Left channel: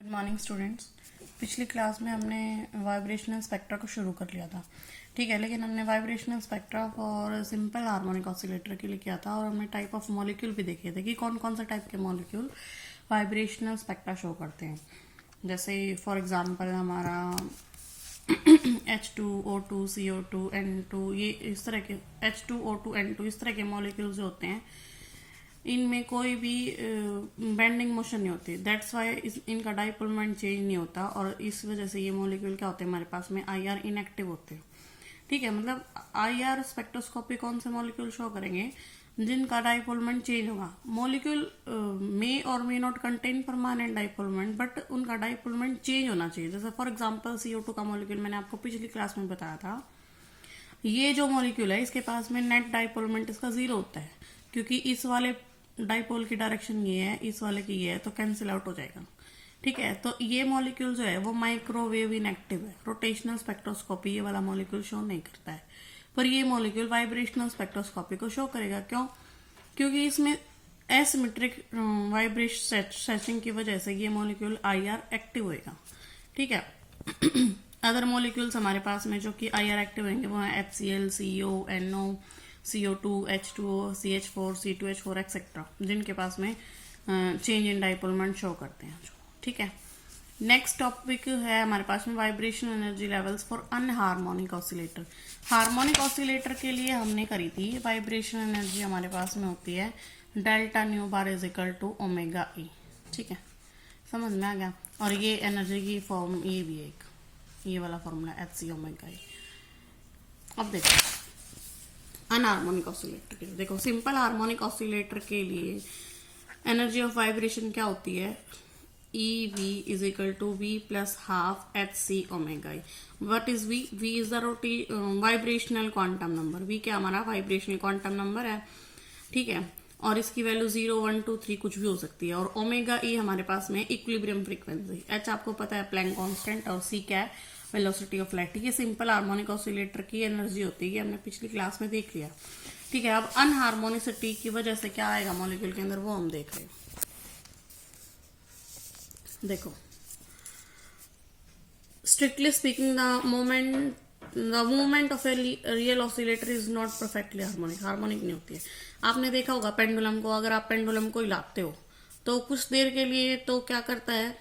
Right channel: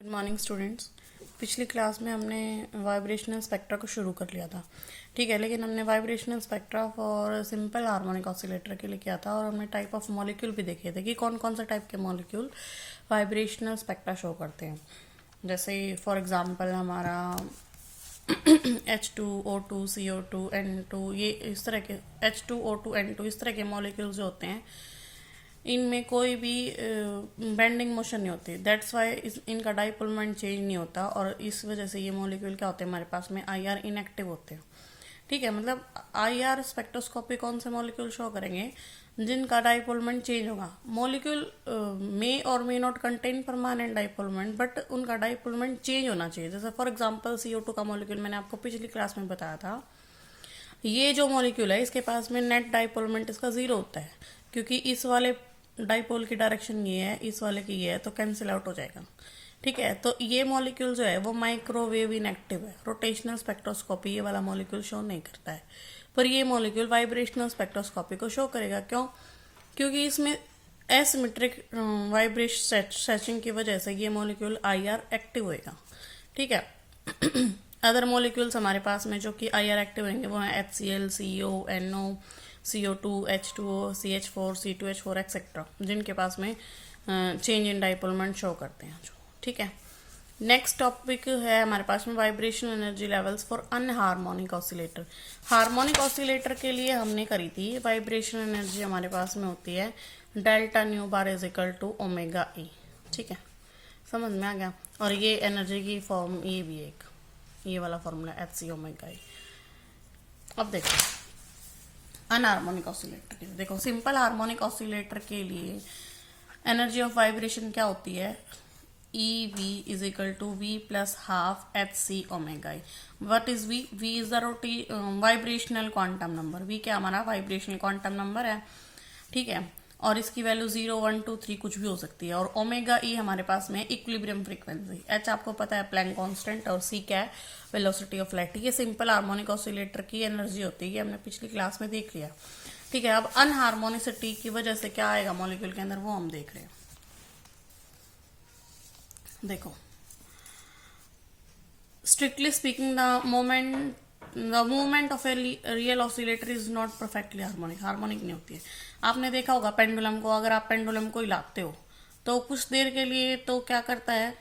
Good morning students. पिछली class में हमने वाइब्रेशनल स्पेक्ट्रा को शुरू कर लिया था, ठीक है। लेकिन हमने vibrational spectra for simple harmonic oscillator के लिए किया था और हमने टाइप ऑफ मॉलिक्यूल भी देखे थे कि कौन कौन सा टाइप के मॉलिक्यूल वाइब्रेशनल स्पेक्ट्रा शो करते हैं। जैसे फॉर एग्जांपल हमारा H2O2 CO2 N2, ये इस तरह के H2O2 N2 इस तरह के मॉलिक्यूल्स जो होते हैं, इनमें कोई भी बेंडिंग मोशन नहीं होती। दैट्स वाई इनका डाइपोल मोमेंट चेंज नहीं होता और इस वजह से ये मॉलिक्यूल क्या होते हैं, हमारे पास में IR इनएक्टिव होते हैं, ठीक है। मतलब IR स्पेक्ट्रोस्कोपी कौन से मॉलिक्यूल शो करेंगे जिनका डाइपोल मोमेंट चेंज होगा। मॉलिक्यूल मे और may not contain permanent dipole moment, but उनका डाइपोल मोमेंट चेंज होना चाहिए। जैसे फॉर एग्जांपल CO2 का मॉलिक्यूल मैंने आपको पिछली क्लास में बताया था, ये जो मॉलिक्यूल है इसके पास में नेट डाइपोल मोमेंट इसका 0 होता है, क्योंकि इस वाले डाइपोल की डायरेक्शन ये है, इस वाले की ये है, तो कैंसिल आउट हो जाएगा, ठीक है। तो ये मॉलिक्यूल जो है वो माइक्रोवेव इनएक्टिव है। रोटेशनल स्पेक्ट्रोस्कोपी ये वाला मॉलिक्यूल शो नहीं करता है, पर ये मॉलिक्यूल वाइब्रेशनल स्पेक्ट्रोस्कोपी को शो करेगा। क्यों? क्योंकि इसमें एसिमेट्रिक वाइब्रेशन की वजह से ये मॉलिक्यूल IR एक्टिव होएगा, ठीक है। अदर मॉलिक्यूल्स हमारे पास में जो कि IR एक्टिव रहेंगे वो है HCl, CO, NO, CO2, H2O, CH4, C2H4 etcetera, जिनके पास में change in dipole moment show करते हैं, ठीक है। नेक्स्ट टॉपिक है हमारे पास में vibrational energy levels for anharmonic oscillator. Harmonic oscillator के लिए हमने करी थी वाइब्रेशनल एनर्जी हमारे पास में होती है delta nu bar is equal to omega E, ठीक है। समझ में आ गया। और ये एनर्जी की फॉर्म ये भी एक ये वाला फॉर्मूला HC ओमेगा E। अब देखो अनहार्मोनिक ऑसिलेटर के लिए, देखो सिंपल हार्मोनिक ऑसिलेटर के लिए एनर्जी ऑफ वाइब्रेशन क्या होती है, EV is equal to V plus half HC omega E। What is V? V is the vibrational quantum number. V क्या हमारा वाइब्रेशनल क्वांटम नंबर है, ठीक है। और इसकी वैल्यू 0, 1, 2, 3 कुछ भी हो सकती है। और ओमेगा E हमारे पास में इक्विलिब्रियम फ्रीक्वेंसी, H आपको पता है प्लैंक कांस्टेंट, और C क्या है, वेलोसिटी ऑफ लाइट। ये सिंपल हार्मोनिक ऑसिलेटर की एनर्जी होती है, ये हमने पिछली क्लास में देख लिया, ठीक है। अब अनहार्मोनिसिटी की वजह से क्या आएगा मॉलिक्यूल के अंदर वो हम देख रहे हैं। देखो strictly speaking the movement of a real oscillator is not perfectly harmonic. Harmonic नहीं होती। आपने देखा होगा पेंडुलम को, अगर आप पेंडुलम को हिलाते हो तो कुछ देर के लिए तो क्या करता है,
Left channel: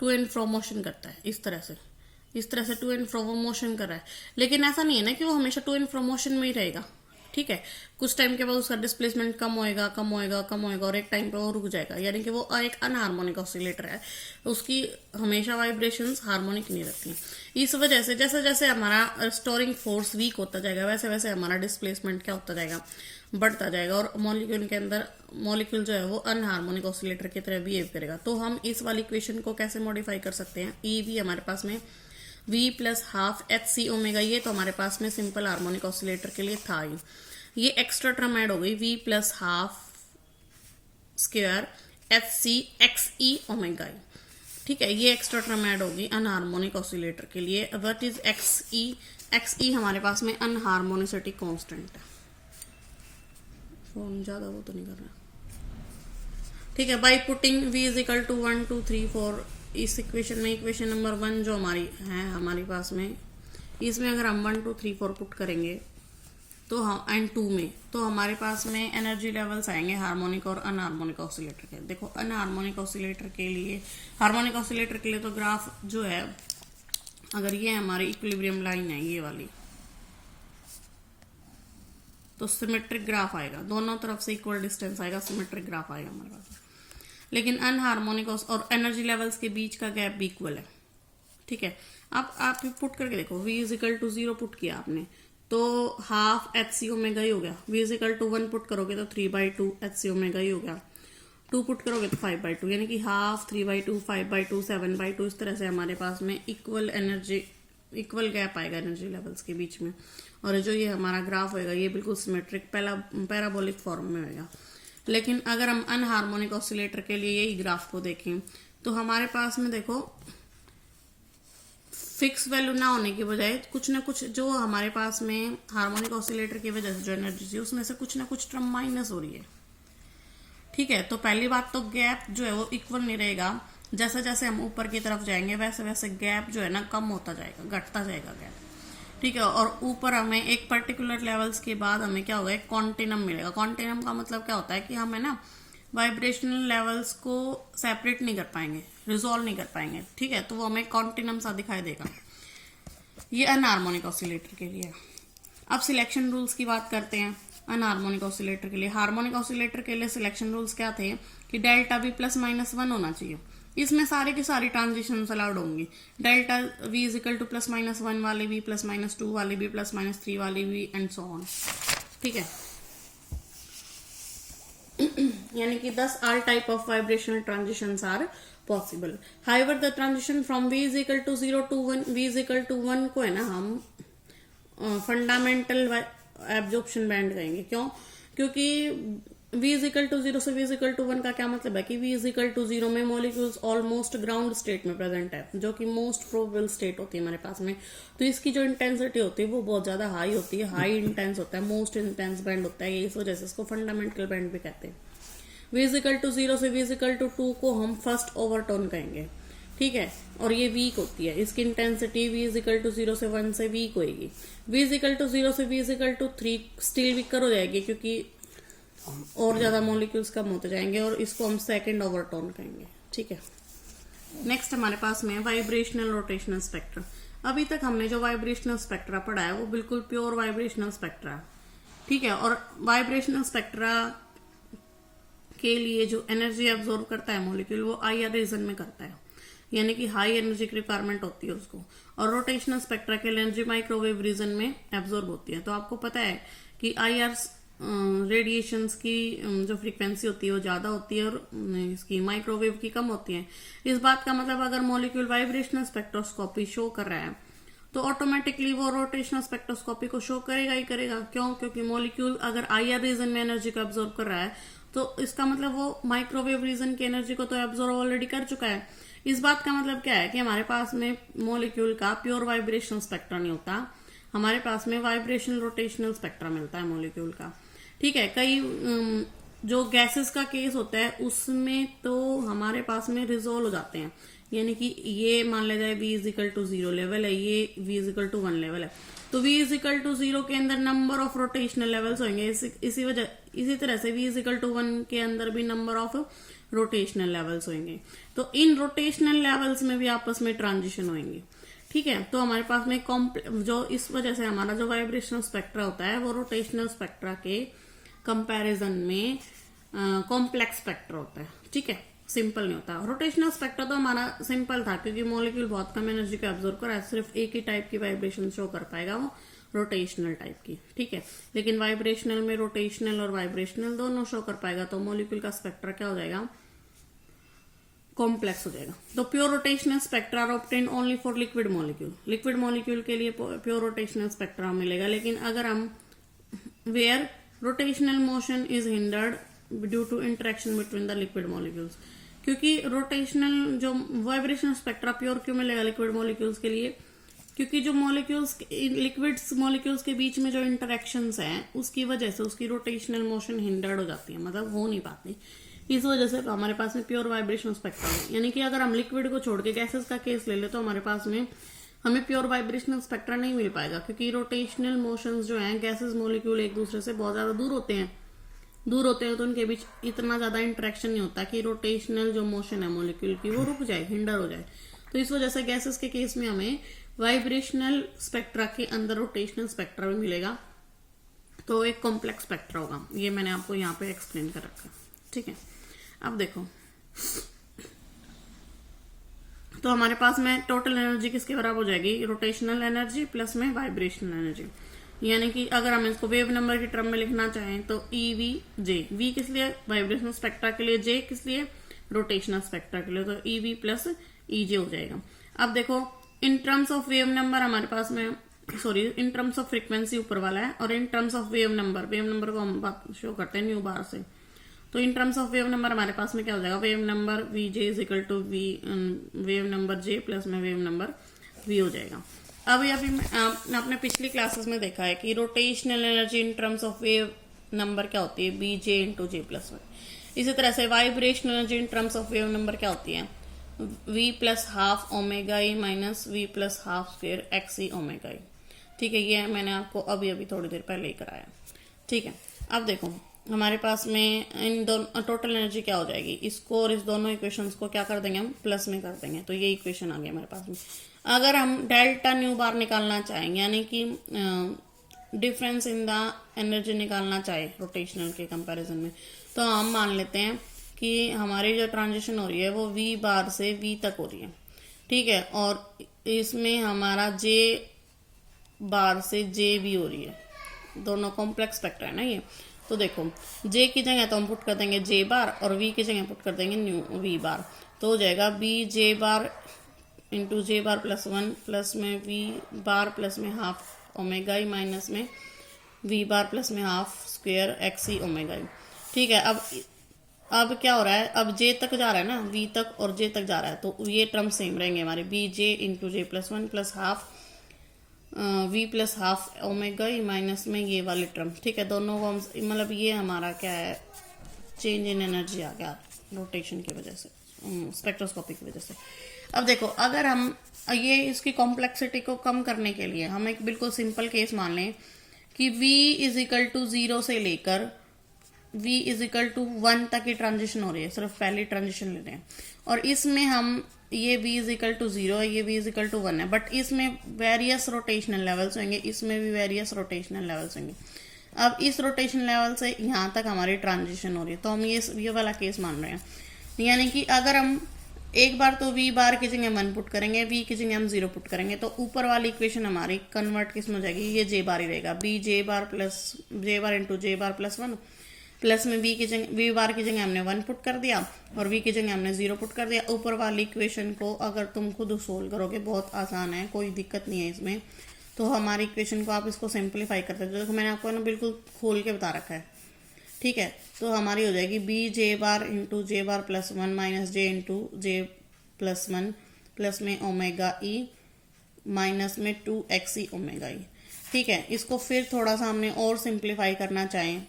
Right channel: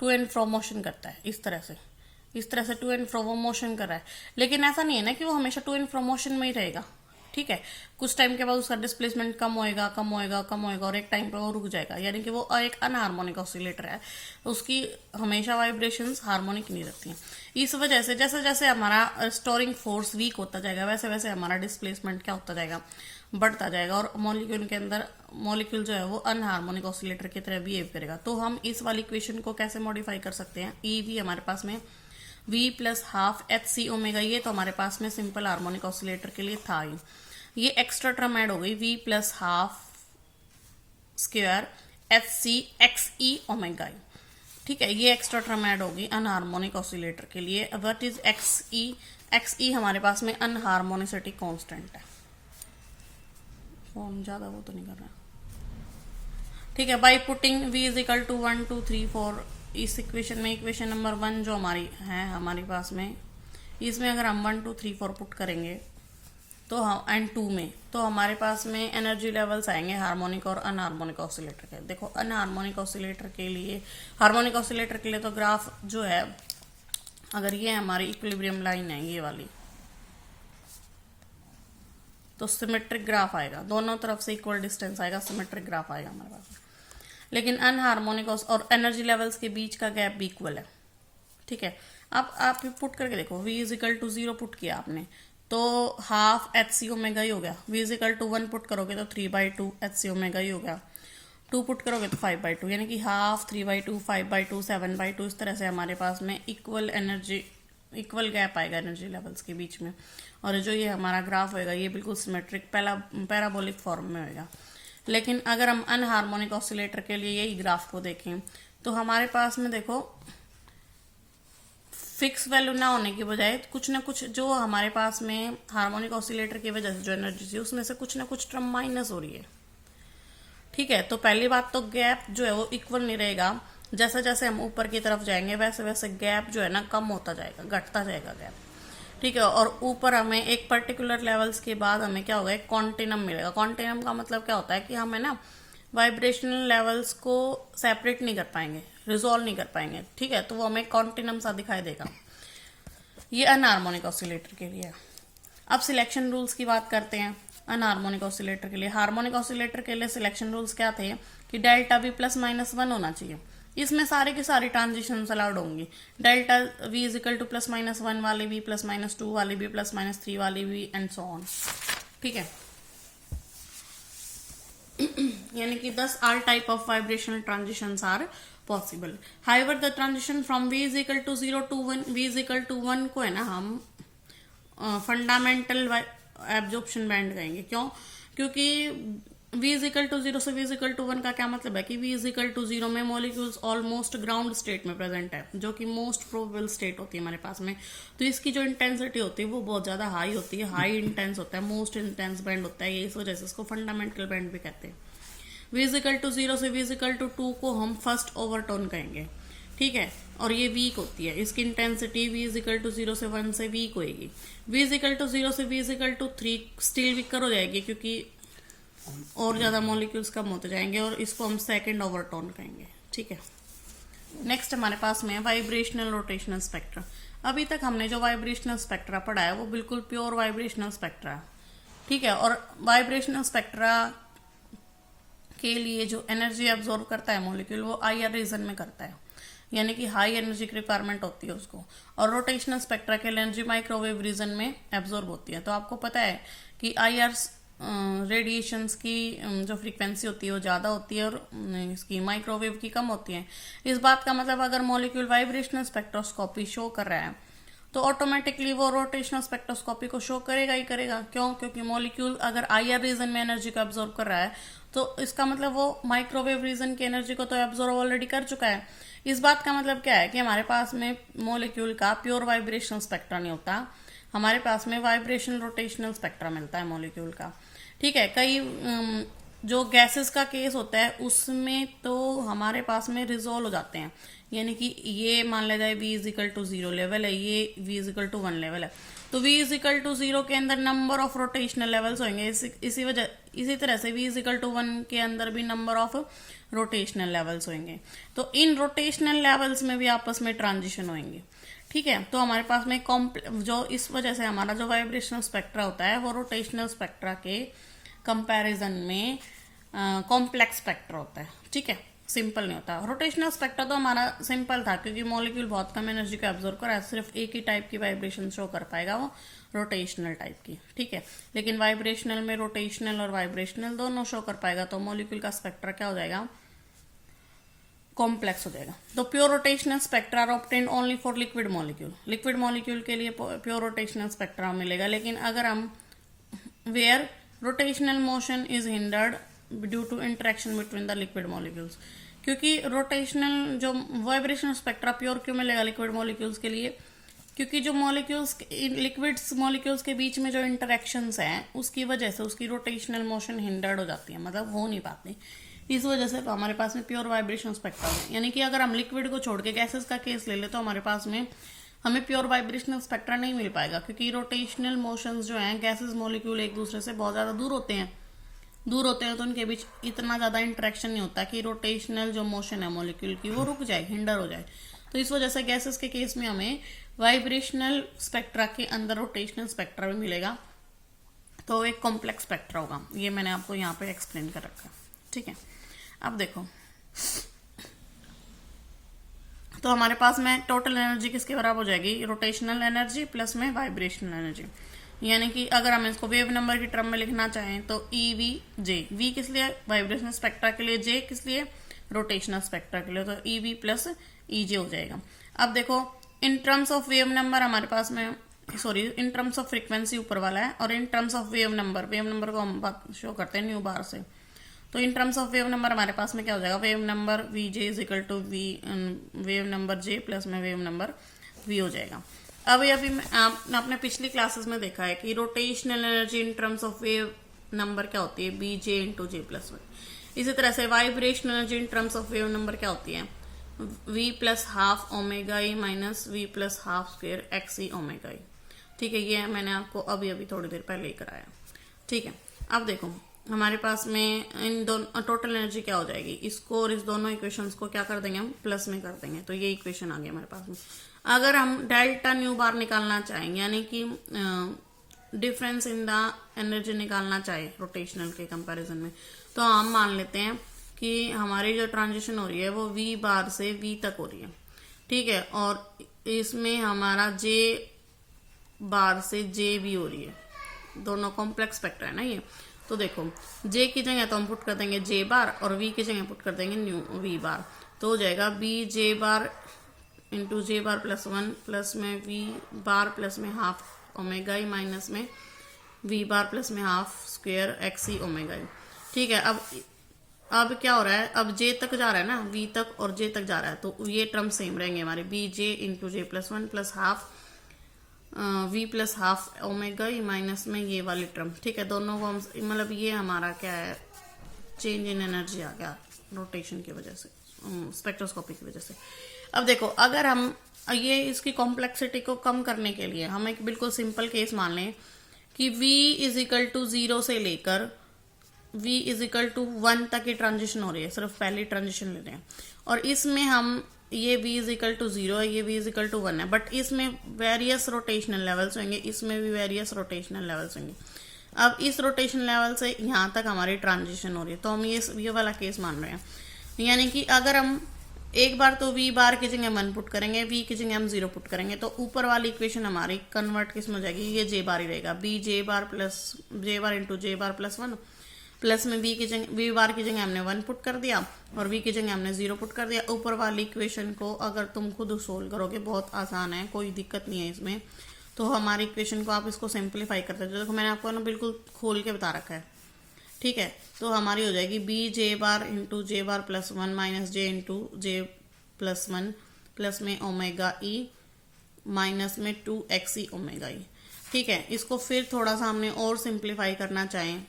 टू एंड फ्रो मोशन करता है, इस तरह से टू एंड फ्रो मोशन कर रहा है। लेकिन ऐसा नहीं है ना कि वो हमेशा टू एंड फ्रो मोशन में ही रहेगा, ठीक है। कुछ टाइम के बाद उसका डिस्प्लेसमेंट कम होएगा और एक टाइम पे वो रुक जाएगा, यानी कि वो एक अनहार्मोनिक ऑसिलेटर है, उसकी हमेशा वाइब्रेशंस हार्मोनिक नहीं रहती हैं। इस वजह से जैसे जैसे हमारा रिस्टोरिंग फोर्स वीक होता जाएगा वैसे वैसे हमारा डिस्प्लेसमेंट क्या होता जाएगा, बढ़ता जाएगा, और मॉलिक्यूल के अंदर मॉलिक्यूल जो है वो अनहार्मोनिक ऑसिलेटर की तरह बिहेव करेगा। तो हम इस वाली इक्वेशन को कैसे मॉडिफाई कर सकते हैं, EV हमारे पास में V plus half HC omega, ये तो हमारे पास में सिंपल हार्मोनिक ऑसिलेटर के लिए था ही। ये एक्स्ट्रा टर्म ऐड हो गई V plus half square HC XE omega, ठीक है। ये एक्स्ट्रा टर्म ऐड होगी अनहार्मोनिक ऑसिलेटर के लिए। व्हाट इज XE हमारे पास में अनहार्मोनिसिटी कांस्टेंट है, फॉर्म ज्यादा वो तो नहीं कर रहा, ठीक है। By putting V is equal to 1, 2, 3, 4 इस इक्वेशन में, इक्वेशन नंबर 1 जो हमारी है हमारे पास में, इसमें अगर हम 1, 2, 3, 4 पुट करेंगे तो हम एंड 2 में, तो हमारे पास में एनर्जी लेवल्स आएंगे हार्मोनिक और अनहार्मोनिक ऑसिलेटर के। देखो अनहार्मोनिक ऑसिलेटर के लिए, हार्मोनिक ऑसिलेटर के लिए तो ग्राफ जो है, अगर ये हमारी इक्विलिब्रियम लाइन है ये वाली, तो सिमेट्रिक ग्राफ आएगा, दोनों तरफ से इक्वल डिस्टेंस आएगा, सिमेट्रिक ग्राफ आएगा हमारे पास। लेकिन अनहार्मोनिक और एनर्जी लेवल्स के बीच का गैप भी इक्वल है, ठीक है। अब आप पुट करके देखो, V is equal to 0 put किया आपने तो हाफ HC ओमेगा ही हो गया। V is equal to 1 put करोगे तो 3/2 HC ओमेगा ही हो गया। 2 पुट करोगे तो 5/2, यानी कि हाफ, 3/2, 5/2, 7/2, इस तरह से हमारे पास में इक्वल गैप आएगा एनर्जी लेवल्स के बीच में। और जो ये हमारा ग्राफ होएगा ये बिल्कुल सिमेट्रिक पैराबोलिक फॉर्म में होएगा। लेकिन अगर हम अनहार्मोनिक ऑसिलेटर के लिए यही ग्राफ को देखें तो हमारे पास में देखो फिक्स वैल्यू ना होने की बजाय कुछ ना कुछ जो हमारे पास में हार्मोनिक ऑसिलेटर की वजह से जो एनर्जी थी उसमें से कुछ ना कुछ टर्म माइनस हो रही है, ठीक है। तो पहली बात तो गैप जो है वो इक्वल नहीं रहेगा, जैसे जैसे हम ऊपर की तरफ जाएंगे वैसे वैसे गैप जो है ना कम होता जाएगा, घटता जाएगा गैप, ठीक है। और ऊपर हमें एक पर्टिकुलर लेवल्स के बाद हमें क्या होगा, एक कॉन्टिनम मिलेगा। कॉन्टिनम का मतलब क्या होता है कि हमें ना वाइब्रेशनल लेवल्स को सेपरेट नहीं कर पाएंगे, रिजोल्व नहीं कर पाएंगे, ठीक है। तो वो हमें कॉन्टिनम सा दिखाई देगा। ये अनहार्मोनिक ऑसिलेटर के लिए है। अब सिलेक्शन रूल्स की बात करते हैं अनहार्मोनिक ऑसिलेटर के लिए। हार्मोनिक ऑसिलेटर के लिए सिलेक्शन रूल्स क्या थे कि डेल्टा वी प्लस माइनस 1 होना चाहिए। इसमें सारे की सारी ट्रांजिशन अलाउड होंगी। Delta we is equal two plus minus 1 वाली भी, प्लस माइनस 2 वाली भी, प्लस माइनस 3 वाली भी, एंड सो ऑन, ठीक है। यानी कि 10 all type of vibrational transitions are possible. However, the transition from V is equal to 0 to 1, V is equal to 1 को है ना हम फंडामेंटल एब्जॉर्प्शन बैंड कहेंगे। क्यों? क्योंकि V is equal to 0 से V is equal to 1 का क्या मतलब है कि V is equal to 0 में मॉलिक्यूल्स ऑलमोस्ट ग्राउंड स्टेट में प्रेजेंट है, जो कि मोस्ट प्रोबेबल स्टेट होती है हमारे पास में। तो इसकी जो इंटेंसिटी होती है वो बहुत ज्यादा हाई होती है, हाई इंटेंस होता है, मोस्ट इंटेंस बैंड होता है। इस वजह से इसको फंडामेंटल बैंड भी कहते हैं। V is equal to 0 से V is equal to 2 को हम फर्स्ट ओवरटोन कहेंगे, ठीक है। और ये वीक होती है, इसकी intensity V is equal to 0 से 1 से वीक होगी। V is equal to 0 से V is equal to 3 still weaker हो जाएगी, क्योंकि और ज्यादा मॉलिक्यूल्स कम होते जाएंगे, और इसको हम सेकंड ओवरटोन कहेंगे, ठीक है। नेक्स्ट हमारे पास में वाइब्रेशनल रोटेशनल स्पेक्ट्रा। अभी तक हमने जो वाइब्रेशनल स्पेक्ट्रा पढ़ा है वो बिल्कुल प्योर वाइब्रेशनल स्पेक्ट्रा है, ठीक है। और वाइब्रेशनल स्पेक्ट्रा के लिए जो एनर्जी एब्जॉर्ब करता है मॉलिक्यूल वो IR रीजन में करता है, यानी कि हाई एनर्जी की रिक्वायरमेंट होती है उसको। और रोटेशनल स्पेक्ट्रा के लिए एनर्जी माइक्रोवेव रीजन में एब्जॉर्ब होती है। तो आपको पता है कि IR रेडिएशंस की जो फ्रीक्वेंसी होती है वो ज्यादा होती है और इसकी माइक्रोवेव की कम होती है। इस बात का मतलब अगर मॉलिक्यूल वाइब्रेशनल स्पेक्ट्रोस्कोपी शो कर रहा है तो ऑटोमेटिकली वो रोटेशनल स्पेक्ट्रोस्कोपी को शो करेगा ही करेगा। क्यों? क्योंकि मॉलिक्यूल अगर IR रीजन में एनर्जी को एब्जॉर्ब कर रहा है तो इसका मतलब वो माइक्रोवेव रीजन की एनर्जी को तो एब्जॉर्ब ऑलरेडी कर चुका है। इस बात का मतलब क्या है कि हमारे पास में मॉलिक्यूल का प्योर वाइब्रेशनल स्पेक्ट्रा नहीं होता, हमारे पास में वाइब्रेशनल रोटेशनल स्पेक्ट्रा मिलता है मॉलिक्यूल का, ठीक है। कई जो गैसेस का केस होता है उसमें तो हमारे पास में रिजोल्व हो जाते हैं, यानी कि ये मान लिया जाए V is equal to 0 level है, ये V is equal to 1 level है, तो V इज इक्वल टू 0 के अंदर नंबर ऑफ रोटेशनल लेवल्स होंगे। इसी तरह से V इज इक्वल टू 1 के अंदर भी नंबर ऑफ रोटेशनल लेवल्स होंगे। तो इन रोटेशनल लेवल्स में भी आपस में ट्रांजिशन होंगे, ठीक है। तो हमारे पास में जो इस वजह से हमारा जो वाइब्रेशनल स्पेक्ट्रा होता है वो रोटेशनल स्पेक्ट्रा के कंपैरिजन में कॉम्प्लेक्स स्पेक्ट्रा होता है, ठीक है, सिंपल नहीं होता। रोटेशनल स्पेक्ट्रा तो हमारा सिंपल था क्योंकि मॉलिक्यूल बहुत कम एनर्जी को एब्जॉर्ब कर रहा है, सिर्फ एक ही टाइप की वाइब्रेशन शो कर पाएगा वो रोटेशनल टाइप की, ठीक है। लेकिन वाइब्रेशनल में रोटेशनल और वाइब्रेशनल दोनों शो कर पाएगा, तो मॉलिक्यूल का स्पेक्ट्रा क्या हो जाएगा, कॉम्प्लेक्स हो जाएगा। तो pure rotational spectra are obtained only for liquid molecule. Liquid molecule के लिए प्योर रोटेशनल स्पेक्ट्रा मिलेगा। लेकिन अगर हम where rotational motion is hindered due to interaction between the liquid molecules, क्योंकि रोटेशनल जो वाइब्रेशनल स्पेक्ट्रा प्योर क्यों मिलेगा लिक्विड मॉलिक्यूल्स के लिए, क्योंकि जो मॉलिक्यूल्स लिक्विड मॉलिक्यूल्स के बीच में जो इंटरेक्शंस हैं उसकी वजह से उसकी रोटेशनल मोशन हिंडर्ड हो जाती है, मतलब हो नहीं पाती। इस वजह से तो हमारे पास में प्योर वाइब्रेशनल स्पेक्ट्रा है। यानी कि अगर हम लिक्विड को छोड़ के गैसेस का केस ले ले तो हमारे पास में हमें प्योर वाइब्रेशनल स्पेक्ट्रा नहीं मिल पाएगा, क्योंकि रोटेशनल मोशंस जो हैं गैसेस मॉलिक्यूल एक दूसरे से बहुत ज्यादा दूर होते हैं तो उनके बीच इतना ज्यादा इंटरेक्शन नहीं होता कि रोटेशनल जो मोशन है मॉलिक्यूल की वो रुक जाए, हिंडर हो जाए। तो इस वजह से गैसेस के केस में हमें वाइब्रेशनल स्पेक्ट्रा के अंदर रोटेशनल स्पेक्ट्रा भी मिलेगा, तो एक कॉम्प्लेक्स स्पेक्ट्रा होगा। ये मैंने आपको यहाँ पे एक्सप्लेन कर रखा, ठीक है। अब देखो, तो हमारे पास में टोटल एनर्जी किसके बराबर हो जाएगी, रोटेशनल एनर्जी प्लस में वाइब्रेशनल एनर्जी। यानी कि अगर हम इसको वेव नंबर की टर्म में लिखना चाहें तो EV/J, V किस लिए, वाइब्रेशनल स्पेक्ट्रा के लिए, J किस लिए, रोटेशनल स्पेक्ट्रा के लिए, तो EV प्लस EJ हो जाएगा। अब देखो इन टर्म्स ऑफ वेव नंबर हमारे पास में इन टर्म्स ऑफ फ्रीक्वेंसी ऊपर वाला है, और in terms of wave number को हम शो करते हैं न्यू बार से। तो in terms of wave number हमारे पास में क्या हो जाएगा, wave number VJ is equal to wave number J plus में वेव नंबर V हो जाएगा। अभी आपने अपने पिछली क्लासेस में देखा है कि rotational energy in terms of wave number क्या होती है, BJ इंटू J प्लस 1। इसी तरह से vibrational energy in terms of wave number क्या होती है, v plus half omega e minus v plus half square x e omega e. ठीक है, ये मैंने आपको अभी अभी थोड़ी देर पहले ही कराया। ठीक है, अब देखो हमारे पास में इन दोनों टोटल एनर्जी क्या हो जाएगी, इसको और इस दोनों इक्वेशंस को क्या कर देंगे हम, प्लस में कर देंगे। तो ये इक्वेशन आ गया हमारे पास में। अगर हम डेल्टा न्यू बार निकालना चाहेंगे, यानी कि डिफरेंस इन द एनर्जी निकालना चाहे रोटेशनल के कंपैरिजन में, तो हम मान लेते हैं कि हमारी जो ट्रांजिशन हो रही है वो v बार से v तक हो रही है। ठीक है, और इसमें हमारा j बार से j भी हो रही है, दोनों कॉम्प्लेक्स फैक्टर है ना ये। तो देखो j की जगह तो हम पुट कर देंगे j बार और v की जगह पुट कर देंगे न्यू v बार। तो हो जाएगा b j bar into j bar plus 1 plus में v बार प्लस में हाफ ओमेगा ई माइनस में v बार प्लस में half square x e omega e. ठीक है, अब क्या हो रहा है, अब j तक जा रहा है ना, v तक और j तक जा रहा है, तो ये टर्म सेम रहेंगे हमारे, b j into j plus 1 plus half v plus half omega e minus में ये वाली टर्म। ठीक है, दोनों को हम मतलब ये हमारा क्या है, चेंज इन एनर्जी आ गया रोटेशन की वजह से, स्पेक्ट्रोस्कोपी की वजह से। अब देखो अगर हम ये इसकी कॉम्प्लेक्सिटी को कम करने के लिए हम एक बिल्कुल सिंपल केस मान लें कि v इज इक्वल टू 0 से लेकर v इज इक्वल टू 1 तक की ट्रांजिशन हो रही है, सिर्फ पहली ट्रांजिशन ले रहे हैं, और इसमें हम ये v इज इक्वल टू 0 है, ये v इज इक्वल टू 1 है, बट इसमें वेरियस रोटेशनल लेवल्स होंगे, इसमें भी वेरियस रोटेशनल लेवल्स होंगे। अब इस रोटेशन लेवल से यहाँ तक हमारी ट्रांजिशन हो रही है, तो हम ये वाला केस मान रहे हैं। यानी कि अगर हम एक बार तो v बार की जगह 1 पुट करेंगे, v की जगह हम 0 पुट करेंगे, तो ऊपर वाली इक्वेशन हमारी कन्वर्ट किस में हो जाएगी, ये j बार ही रहेगा, b j bar plus j bar into j bar plus 1 plus में v बार की जगह हमने 1 पुट कर दिया और v की जगह हमने 0 पुट कर दिया। ऊपर वाली इक्वेशन को अगर तुम खुद सोल्व करोगे, बहुत आसान है, कोई दिक्कत नहीं है इसमें। तो हमारी इक्वेशन को आप इसको सिंप्लीफाई करते हो, देखो मैंने आपको ना बिल्कुल खोल के बता रखा है। ठीक है, तो हमारी हो जाएगी b j bar into j bar plus 1 minus j into j plus 1 plus में ओमेगा ई माइनस में 2xe ओमेगा ई। ठीक है, इसको फिर थोड़ा सा हमने और सिंप्लीफाई करना चाहें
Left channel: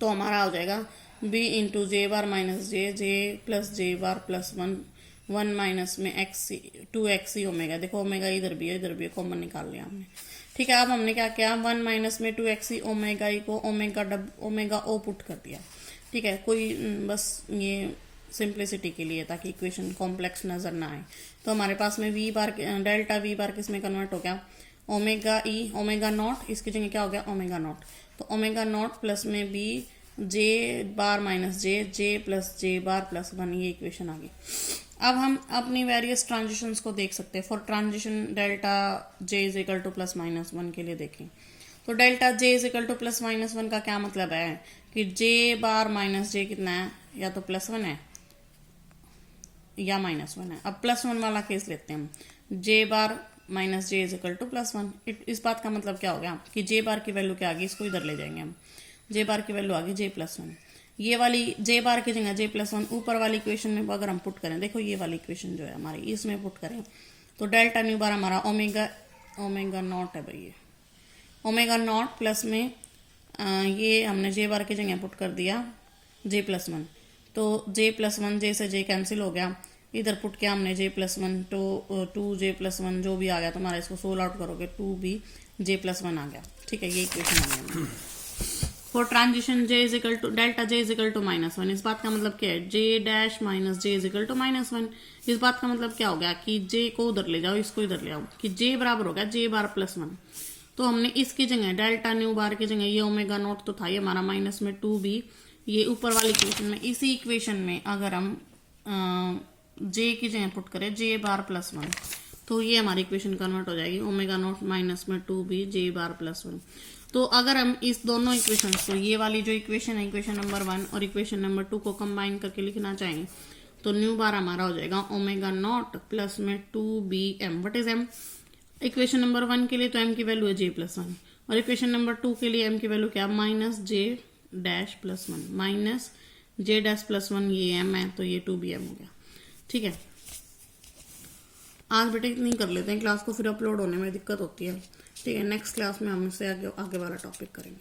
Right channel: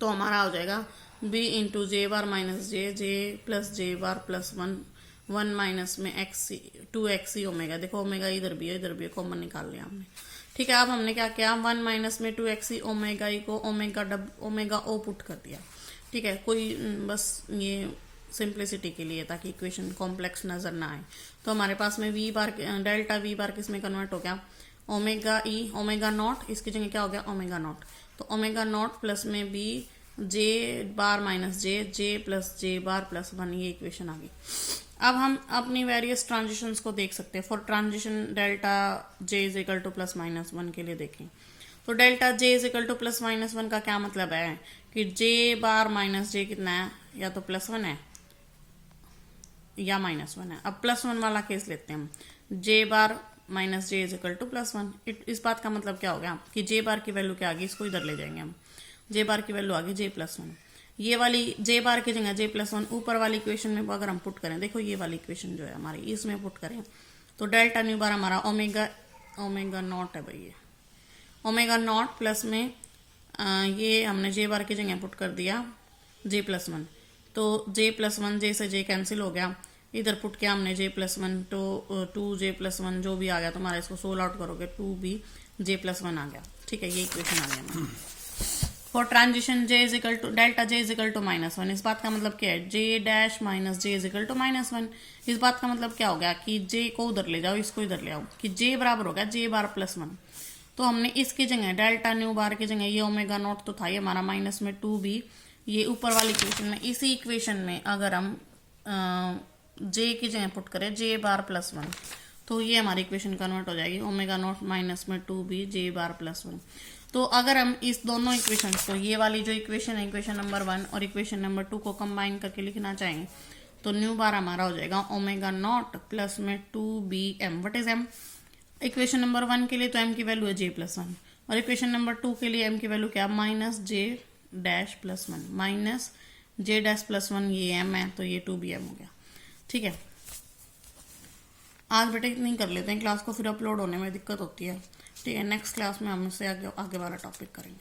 तो हमारा हो जाएगा b इंटू जे बार माइनस जे प्लस जे बार प्लस 1 माइनस में एक्स 2xe ओमेगा। देखो ओमेगा इधर भी है, कॉमन निकाल लिया हमने। ठीक है, अब हमने क्या किया, 1 माइनस में 2xe ओमेगा ई को ओमेगा ओ पुट कर दिया। ठीक है, कोई बस ये सिंप्लिसिटी के लिए ताकि इक्वेशन कॉम्प्लेक्स नजर ना आए। तो हमारे पास में v बार डेल्टा v बार किस में कन्वर्ट हो गया, ओमेगा ई ओमेगा नॉट, इसकी जगह क्या हो गया ओमेगा नॉट, तो ओमेगा नॉट प्लस में b जे बार माइनस जे प्लस जे बार प्लस 1, ये इक्वेशन आ गई। अब हम अपनी वेरियस ट्रांजिशंस को देख सकते हैं। For transition delta j is equal two plus minus 1 के लिए देखें, तो delta j is equal two plus minus 1 का क्या मतलब है कि j बार माइनस j कितना है, या तो प्लस 1 है या माइनस 1 है। अब प्लस 1 वाला केस लेते हैं हम, j bar minus j is equal two plus 1। इस बात का मतलब क्या हो गया कि j बार की वैल्यू क्या आ गई, इसको इधर ले जाएंगे हम, j बार की वैल्यू आ गई j प्लस 1। ये वाली j बार की जगह j प्लस 1 ऊपर वाली इक्वेशन में अगर हम पुट करें, देखो ये वाली इक्वेशन जो है हमारी, इसमें पुट करें तो डेल्टा न्यू बार हमारा ओमेगा नॉट है भाई, ये ओमेगा नॉट प्लस में ये हमने j बार की जगह पुट कर दिया j प्लस 1, तो j प्लस 1 j से j कैंसिल हो गया, इधर पुट किया हमने j प्लस 1 तो 2j प्लस 1 जो भी आ गया तुम्हारा, इसको सोल आउट करोगे 2b j प्लस 1 आ गया। ठीक है, ये इक्वेशन आ गया। For transition j is equal to delta j is equal to minus 1, इस बात का मतलब क्या है, j dash minus j is equal to minus 1। इस बात का मतलब क्या हो गया कि j को उधर ले जाओ, इसको इधर ले आओ, कि j बराबर हो गया j बार प्लस 1। तो हमने इसकी जगह डेल्टा न्यू बार की जगह ये ओमेगा नॉट तो था ये हमारा माइनस में 2b, ये ऊपर वाली इक्वेशन में, इसी इक्वेशन में अगर हम j की जगह पुट करें j बार प्लस 1, तो ये हमारी इक्वेशन कन्वर्ट हो जाएगी ओमेगा नॉट माइनस में 2b j बार प्लस 1। तो अगर हम इस दोनों इक्वेशन को, ये वाली जो इक्वेशन है इक्वेशन नंबर 1 और इक्वेशन नंबर 2 को कंबाइन करके लिखना चाहेंगे, तो न्यू बार हमारा हो जाएगा ओमेगा नॉट प्लस में 2bm। What is m, equation number 1 के लिए तो m की वैल्यू है j प्लस 1, और इक्वेशन नंबर 2 के लिए m की वैल्यू क्या, minus j dash plus 1, minus j dash plus 1, ये m है तो ये 2bm हो गया। ठीक है, आज बेटा इतनी कर लेते हैं, क्लास को फिर अपलोड होने में दिक्कत होती है। ठीक है, नेक्स्ट क्लास में हम इससे आगे वाला टॉपिक करेंगे।